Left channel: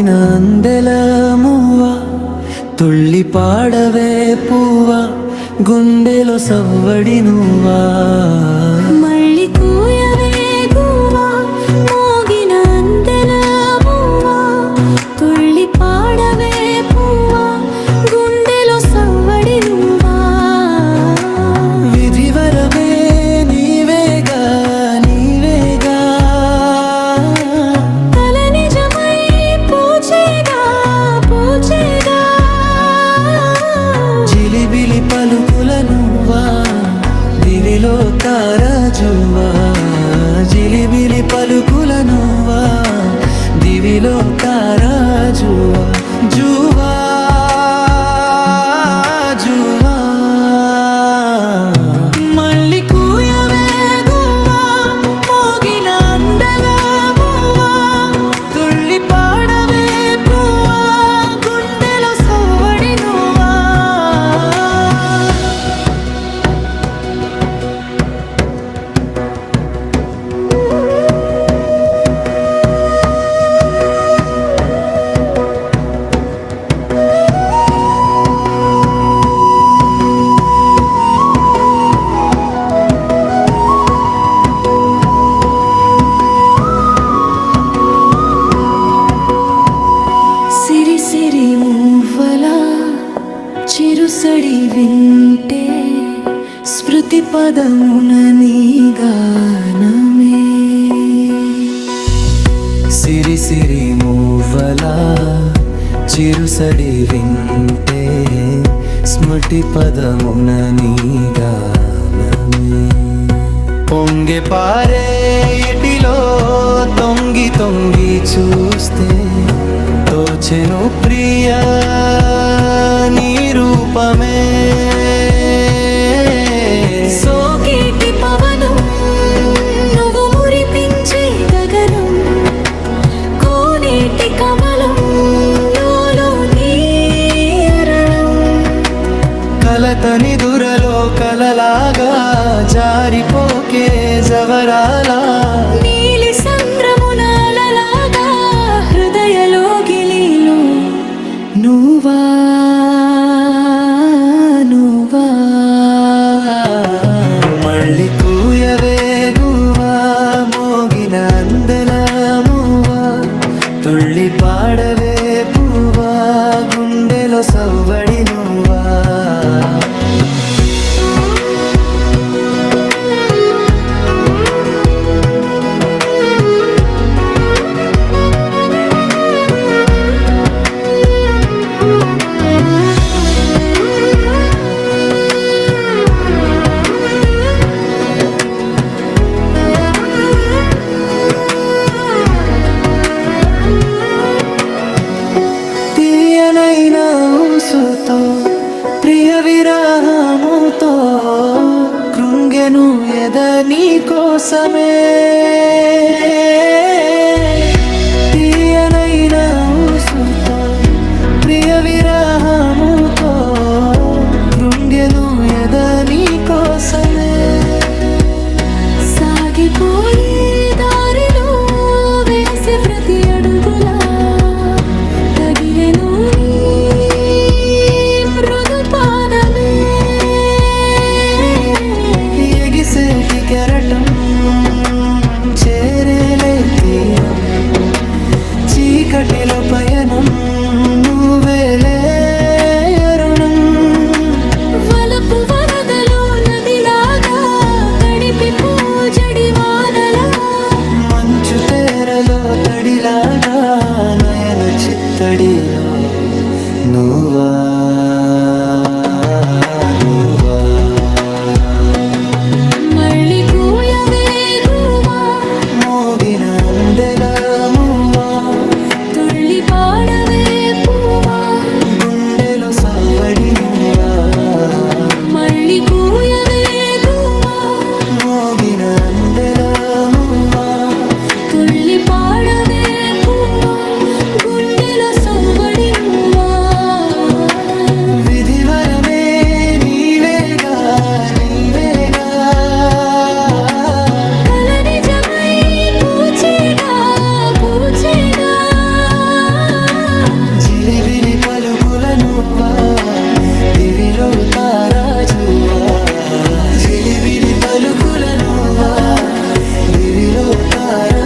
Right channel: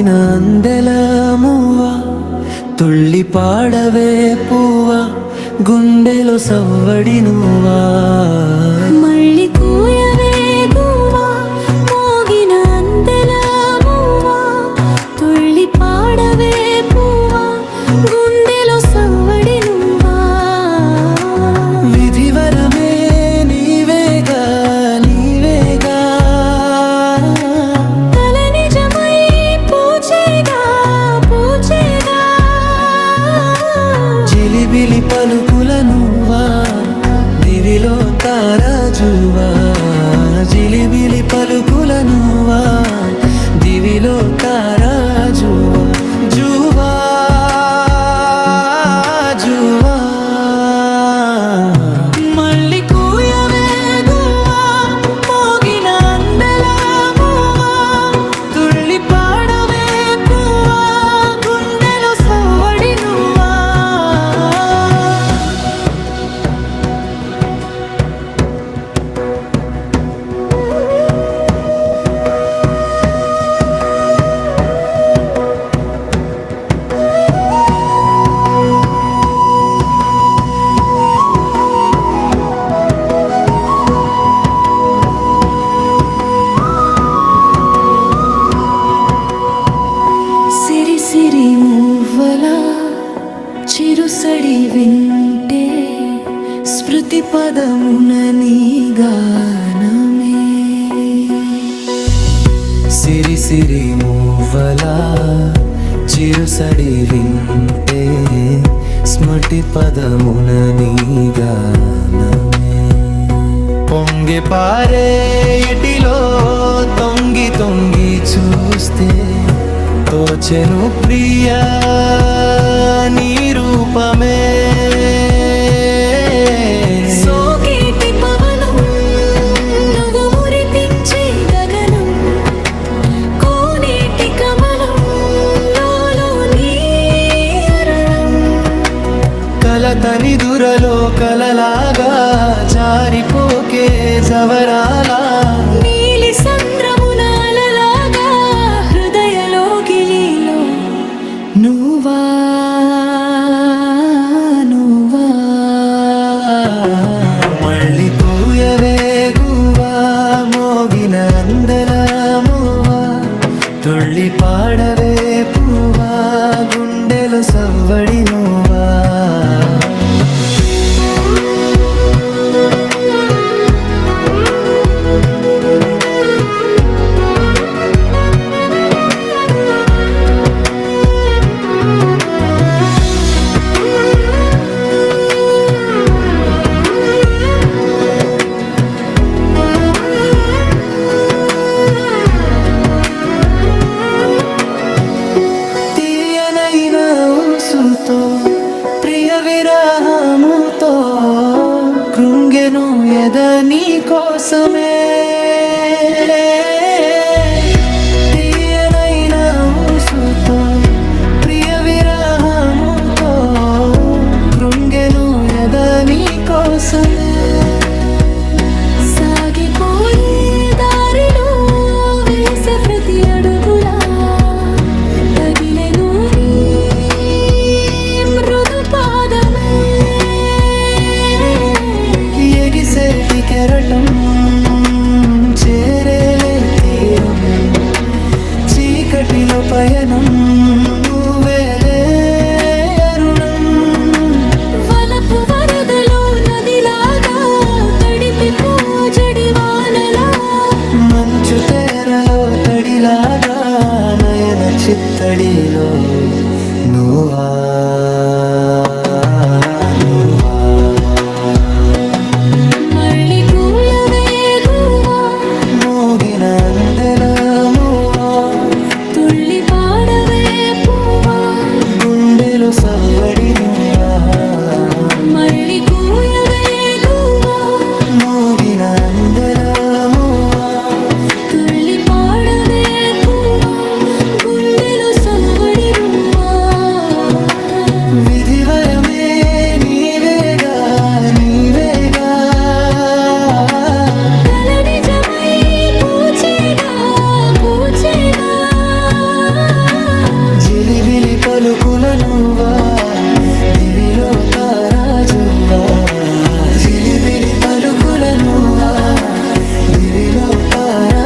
మోగిన అందెల మూవ తుళ్ళి పాడవే పూవా తారాజువా జిలిబిలి పలుకుల నువ్వా దివిలో తారాజువా జువా జువా. చిరుసడి వింటే స్మృతి పదమున నీ గానమే. సిరి సిరి మువ్వల చిరుసడి వింటే స్మృతి పదమున నీ గానమే. పొంగి పారే ఎటిలో తొంగి తొంగి చూస్తే తోచెను ప్రియా. నీ రూపమే. సోకేటి పవనం నువ్వు మురిపించే గగనం. కోనేటి కమలం కలతని దురలో కలలాగా జారిపోకే జవరాలా. నీలి సంద్రమునాలలాగా హృదయలో గిలిలో నువ్వా? అందెలమువా తుళ్ళి పాడవే పువ్వా గుండెలో సవ్వడి నువ్వా ఊసుతో ప్రియ విరహముతో కృంగెను ఎద నీ కోసమే. తీయనైన ఊసుతో ప్రియ విరహముతో కృంగెను ఎద నీ కోసమే. సాగిపోయే దారిలో వేసే ప్రతి అడు కెరటం చేరేలే తీరం. చీకటిలో పయనం నువ్వేలే అరుణం. వలపు వరదలో నదిలాగా తడిపి పోజడి వానలా. మంచు తేరలో తడిలాగా నయన చిత్తడిలో నువ్వా నువ్వా. గుండెలో తారా